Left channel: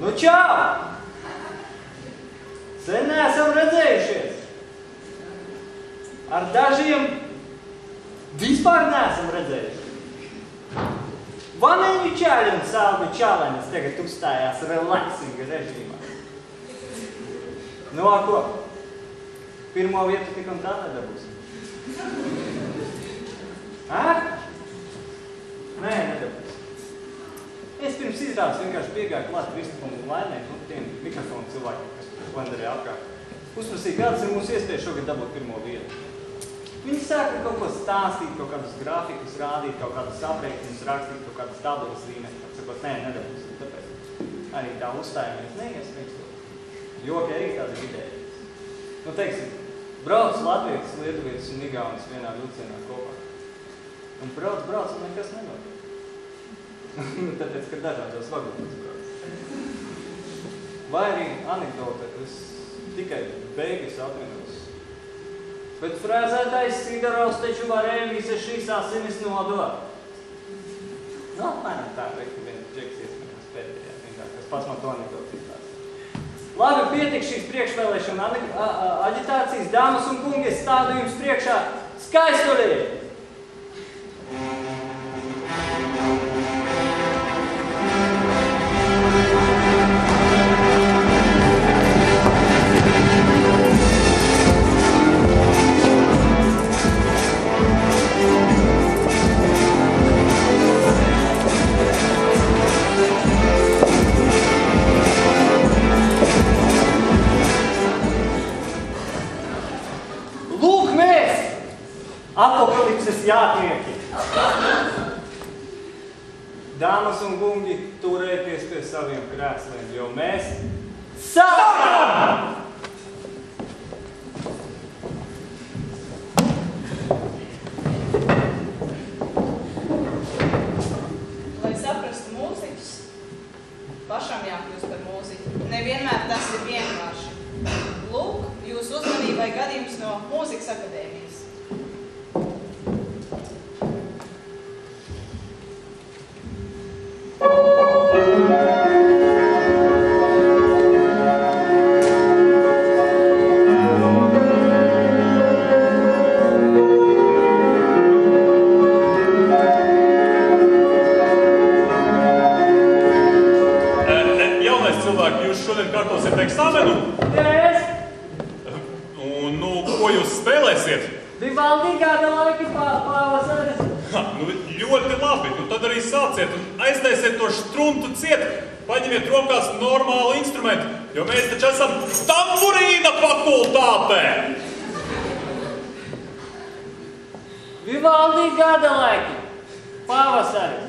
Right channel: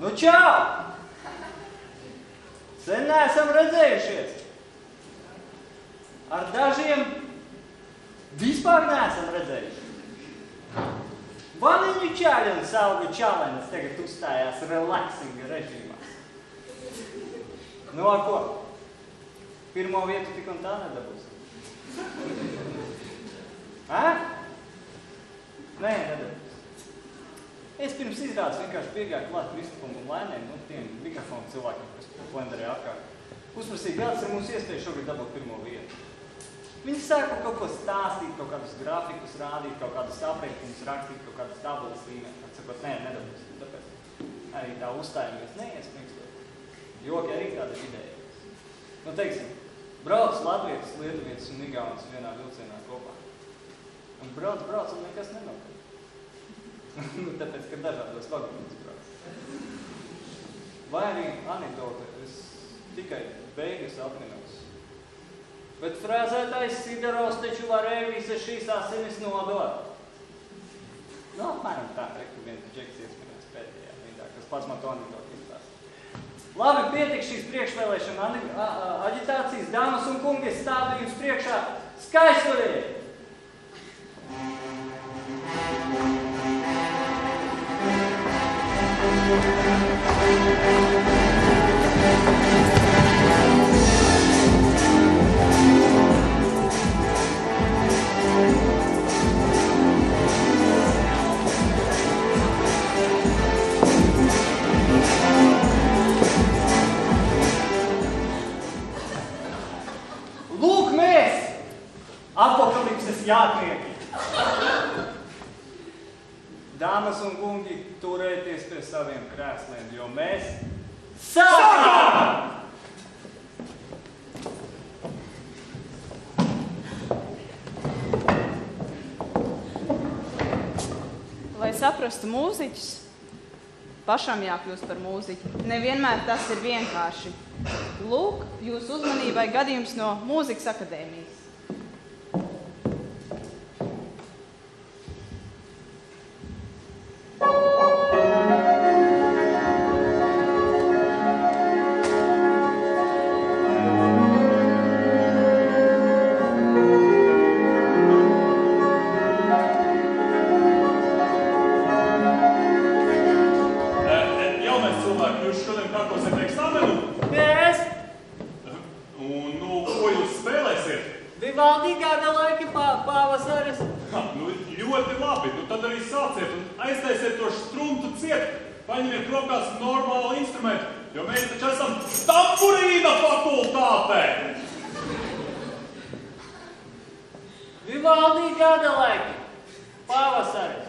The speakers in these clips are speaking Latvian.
Nu, čau! Sen neesam redzējušies. Ar dažiem vispār neesam redzējušies. Vaniņu čaļi un salvi čalenis tagad uzstājās relaxinga režīmā. Nu, a ko? Pirmo vietu tik un tā nedabūsim. Nē, nedabūsim. Es pirms izrādes vienkārši piegāju klāt Kristupam un Laimei, tiem mikrofonu cilvēkiem, kas vandarīja apkārt. Uzprasīja, kāds ir mūsu iespēja šogad dabūt pirmo vietu. Viņi sāka kaut ko stāstīt, kaut kādus grafikus rādīt, kaut kādus aprēķinus rakstīt, kaut kādas tabulas līmēt. Atsakot, nē, nedabūsim, tāpēc arī tā uzstājamies neies. Joki arī tāda ideja. Nu, teiksim, brauc latvietis, lietuvietis un igaunis vienā vilcienā kopā. Un brauc, un nekas nenotiek. Tāpēc, ka dažādos vagonos brauc. Vai arī anekdote, es tikai beigas atminos. Bet frēzētais Sidorovs taču varēja visas šīs asinis nodot. Nu, apmēram tā, ka viens džeks iesmējās pēdējā rindā, kas pats man to anekdotu izstāsta. Labi, pietik šīs priekšvēlēšana aģitācijas. Dāmas un kungi, es stādu jums priekšā Skaistulī! Lūk mēs, apokalipses jātnieki! Dāmas un kungi, turēties pie saviem krēsliem, jo mēs sākam! Lai saprastu mūziķus, pašam jākļūst par mūziķu. Nevienmēr tas ir vienkārši. Lūk, jūsu uzmanībai gadījums no Mūzikas akadēmijas. Paņemiet rokās normālu instrumentu, jo mēs taču esam tamburīna fakultātē! Vivaldi gada laiki, pavasaris.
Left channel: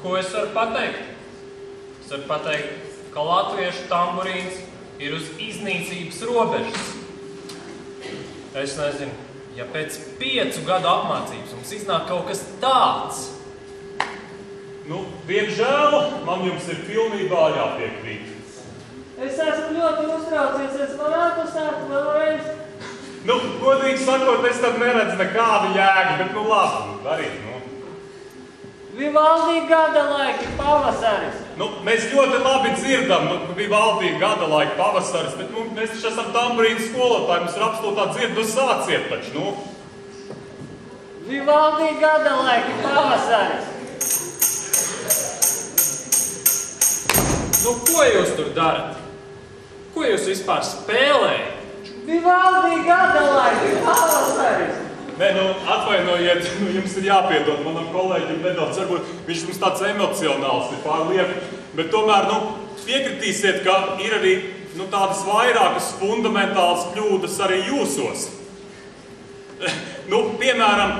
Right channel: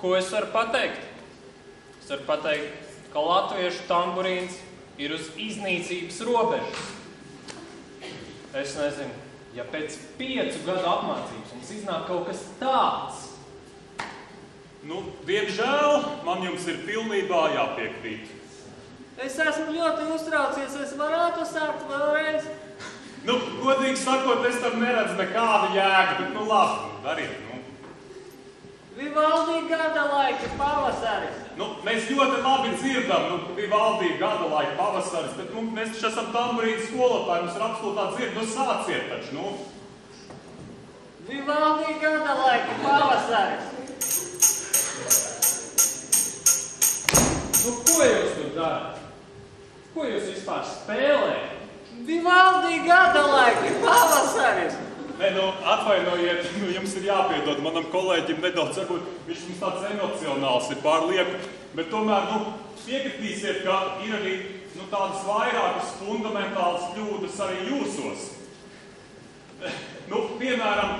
Ko es varu pateikt? Es varu pateikt, ka latviešu tamburīns ir uz iznīcības robežas. Es nezinu, ja pēc 5 gadu apmācības mums iznāk kaut kas tāds. Nu, diemžēl, man jums ir pilnībā jāpiekrīt. Es esmu ļoti uztraucies, es varētu sākt vēlreiz. Nu, godīgi sakot, es tam neredzu nekādu jēgu, bet nu labi, darīt, nu. Vivaldi gada laiki, pavasaris. Nu, mēs ļoti labi dzirdam, Vivaldi gada laiki, pavasaris, bet mēs taču esam tamburīnu skolotāji, mums ir absolūtā dzirdu sāciet taču, nu. Vivaldi gada laiki, pavasaris. Nu, ko jūs tur darat? Ko jūs vispār spēlējat? Vivaldi gada laiki, pavasaris. Nē, nu, atvainojiet, jums ir jāpiedod manam kolēģim nedaudz, varbūt viņš mums tāds emocionāls ir pārlieku, bet tomēr, piekritīsiet, ka ir arī, tādas vairākas fundamentālas kļūdas arī jūsos. Piemēram,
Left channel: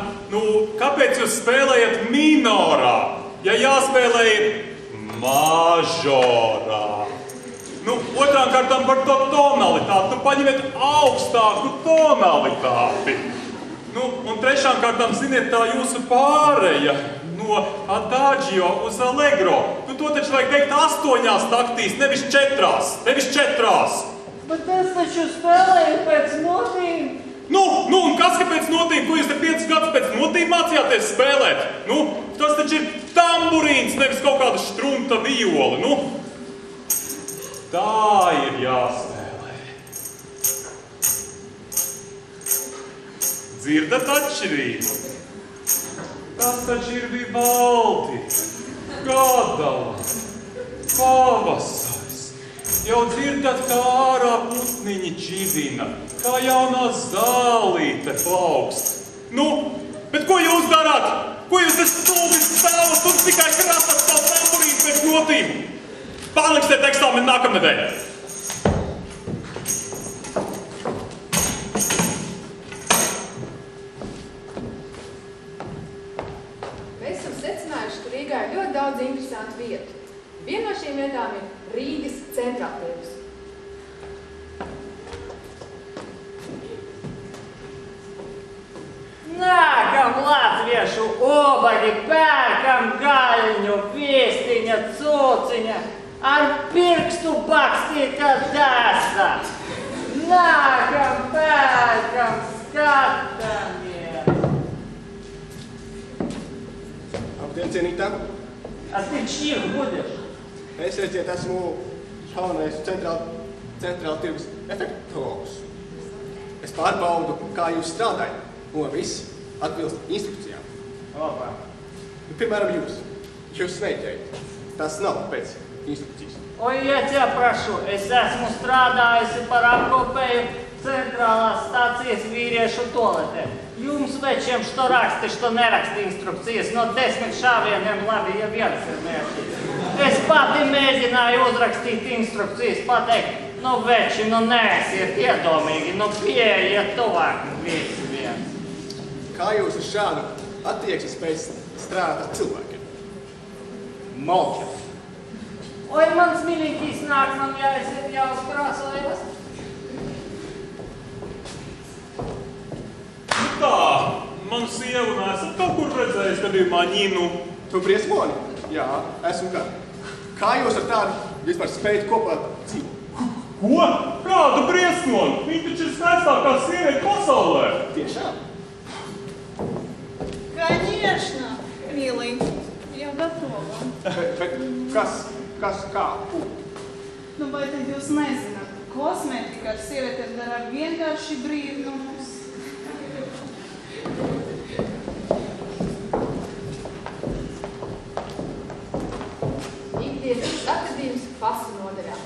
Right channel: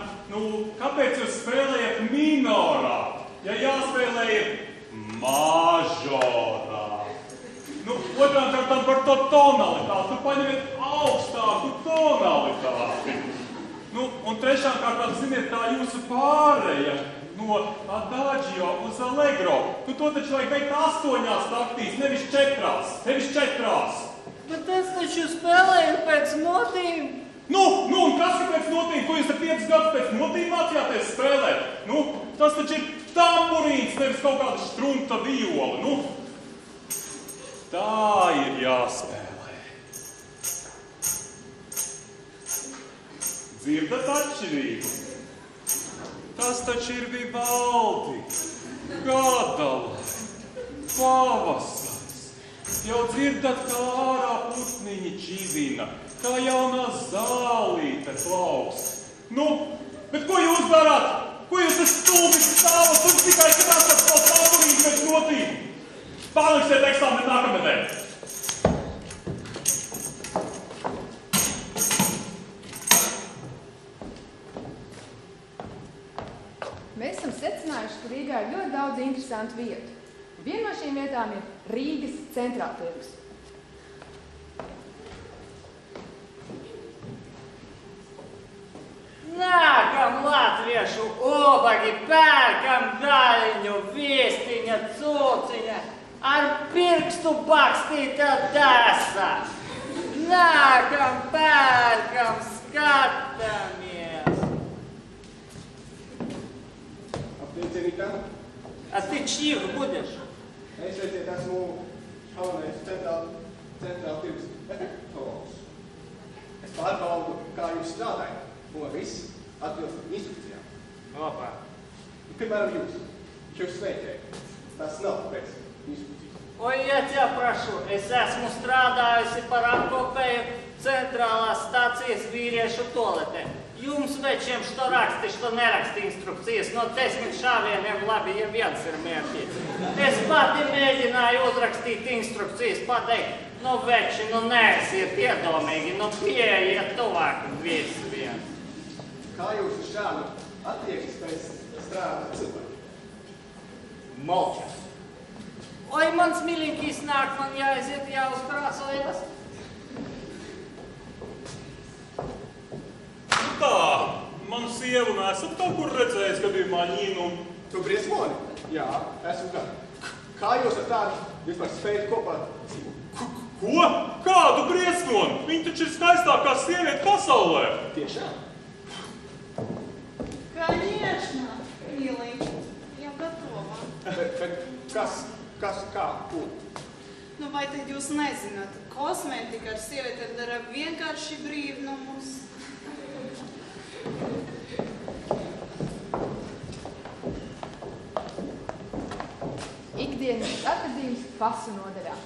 kāpēc jūs spēlējat minorā? ja jāspēlē ir mažorā. Nu, otrām kārtām par to tonalitāti. Tu paņemiet augstāku tonalitāti. Nu, un trešām kārtām, ziniet, tā jūsu pāreja no adagio uz allegro. Nu, to taču vajag teikt 8 taktīs, nevis 4. Nevis 4. Bet es taču spēlēju pēc notīm. Nu, un kas pēc notīm? Ko jūs te 5 gadus pēc notīm mācījāties spēlēt? Nu, tas taču ir tamburīns, nevis kaut kāda štrunta viola. Nu, tā ir jāspēlē. Dzirdat atšķirību? Tas taču ir Vivaldi, Gadala, pavasaris. Jau dzirdat, kā ārā putniņi čivina, kā jaunā zālīte plaukst. Nu, bet ko jūs darāt? Ko jūs te stulbi stāvat? Tur tikai krasat savu tamburīnu pēc notīm. Pārliksiet eksāmenu nākamnedēļ. Mēs esam secinājuši, ka Rīgā ir ļoti daudz interesantu vietu. Viena no šīm vietām ir Rīgas centrāltirgus. Nākam latviešu obagi, pērkam gaļņu, viestiņa, cūciņa, ar pirkstu bakstīta dasa. Nākam, pērkam, skatāmies. Labdien, cienītā! A ты чьих будешь? Es, redziet, esmu jaunais centrāla tirgus efektologs. Es pārbaudu, kā jūs strādājat, ko viss atbilst instrukcijām. Labāk. Piemēram, jūs smēķējat. Tas nav pēc instrukcijas. Ой, я тебя прошу, es esmu strādājusi par apkopēju centrālās stācijas vīriešu toaletē. Jums večiem, что raksti, что neraksti instrukcijas, no 10 šāvieniem labi, ja viens ir mērķis. Es pati mēģināju uzrakstīt instrukcijas, pateikt, nu veči, nu neesiet iedomīgi, nu pieejiet tuvāk visi viens. Kā jūs ar šādu attieksmi spējat strādāt ar cilvēkiem? Молча. Ой, mans miļiņkīs nāk, man jāaiziet jāuzprāsojas. Nu kā, man sievu nesat kaut kur redzējis gadījumā ņinu. Tu briesmoni? Jā, esmu kā. Kā jūs ar tādu vispār spējat kopā dzīvot? Ko? Kādu briesmoni? Viņa taču ir skaistākā sieviete pasaulē. Tiešām? Конечно, миленький, jau gatava. Bet kas, kā? Nu, vai tad jūs nezināt? Kosmētika ar sievieti dara vienkārši brīvnumus. Ikdienas atradījums pasu nodaļā.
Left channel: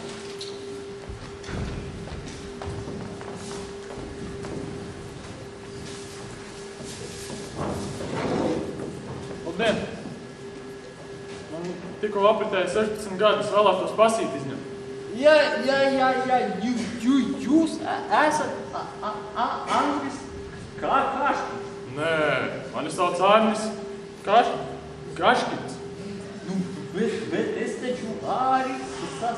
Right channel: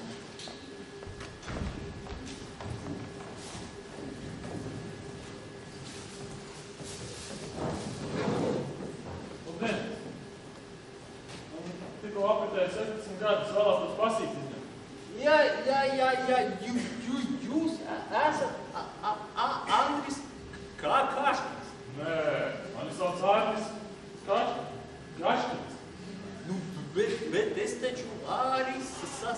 Labdien! Man tikko apritēja 16 gadus, vēlētos pasīt izņemt. Jūs esat Andris Kaškins? Nē, mani sauc Arnis Kaškins. Nu, bet es taču arī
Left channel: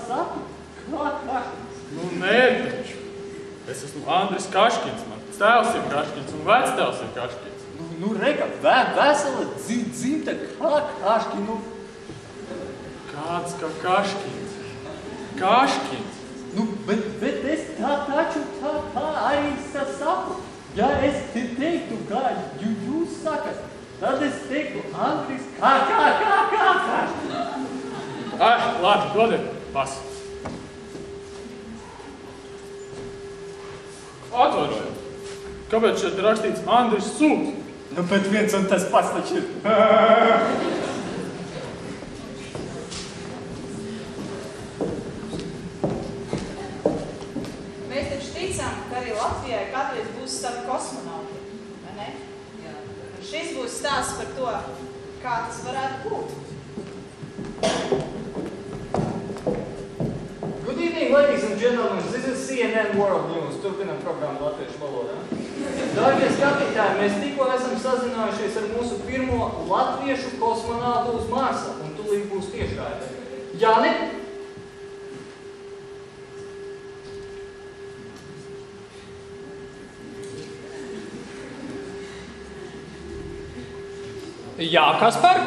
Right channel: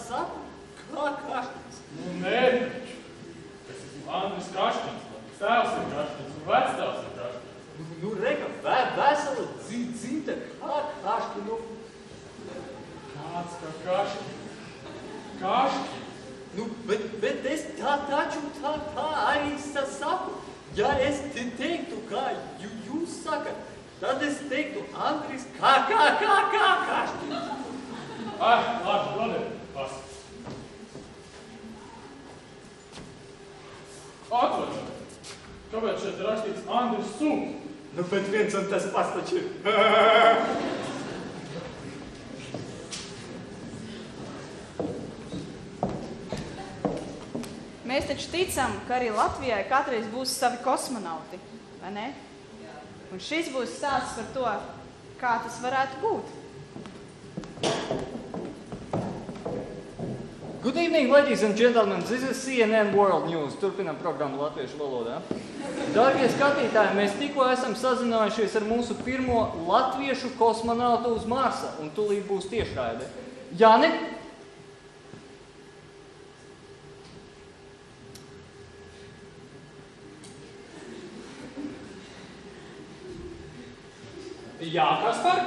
saku, kā Kaškins. Nu, nē, taču. Es esmu Andris Kaškins. Mans tēvs ir Kaškins un vectēvs ir Kaškins. Nu, reka, vesela dzimta kā Kaškinu. Kāds kā Kaškins? Kaškins? Nu, bet es taču tā arī saku. Ja es teiktu, kā jūs sakat, tad es teiktu Andris kā Kaškins. Labi, dodiet, pas. Atvainojiet. Kāpēc šeit ir rakstīts Andris Sūks? Nu, bet viens un tas pats taču ir. Mēs taču ticam, ka arī Latvijai kādreiz būs savi kosmonauti, vai ne? Un šis būs stāsts par to, kā tas varētu būt. Good evening, ladies and gentlemen, this is CNN World News. Turpinam programmu latviešu valodā. Dārgie skatītāji, mēs tikko esam sazinājušies ar mūsu pirmo latviešu kosmonautu uz Marsa, un tūlīt būs tiešraide. Jāni? Jā, Kaspar?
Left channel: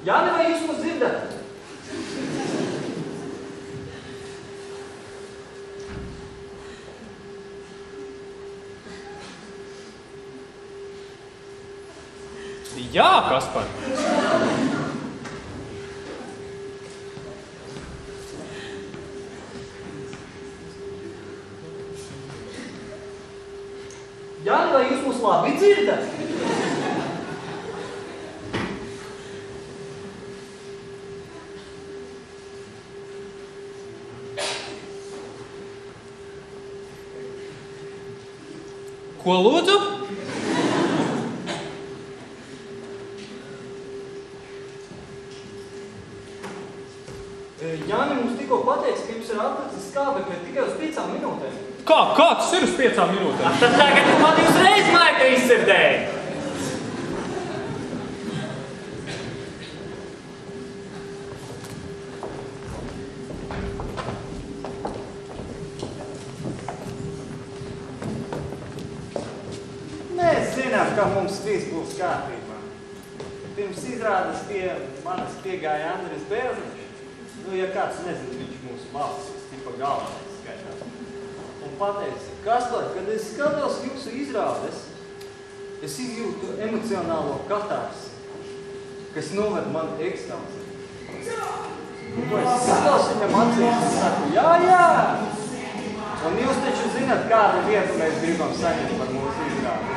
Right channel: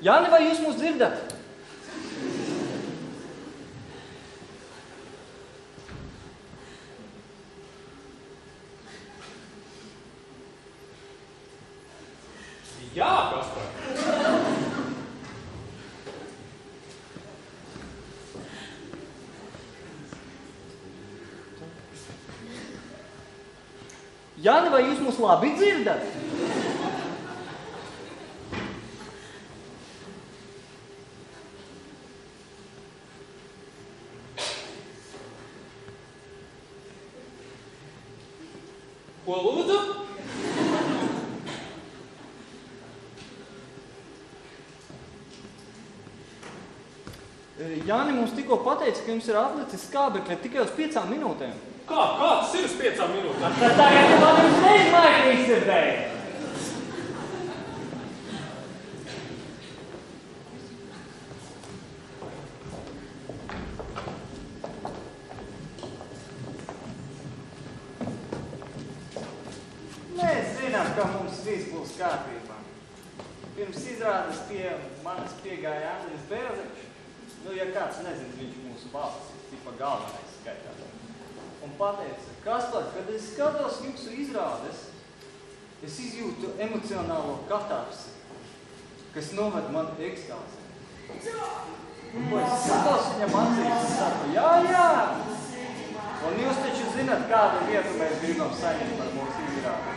Jāni, vai jūs mūs dzirdat? Jā, Kaspar. Jāni, vai jūs mūs labi dzirdat? Ko lūdzu? Jāni mums tikko pateica, ka jums ir atlicis skābekļa tikai uz 5 minūtēm. Kā tas ir uz 5 minūtēm? Tad tagad man uzreiz maita izsirdēja. Mēs zinām, ka mums viss būs kārtībā. Pirms izrādes pie manis piegāja Andris Bērziņš. Nu, ja kāds nezina, viņš mūsu valsts tipa galvenais skaitā. Un pateica, Kaspar, kad es skatos jūsu izrādes, es izjūtu emocionālo katarsi, kas noved man ekstāzi. Es skatos viņam acīs un saku, jā! Un jūs taču zināt, kādu vietu mēs gribam saņemt par mūsu izrādi.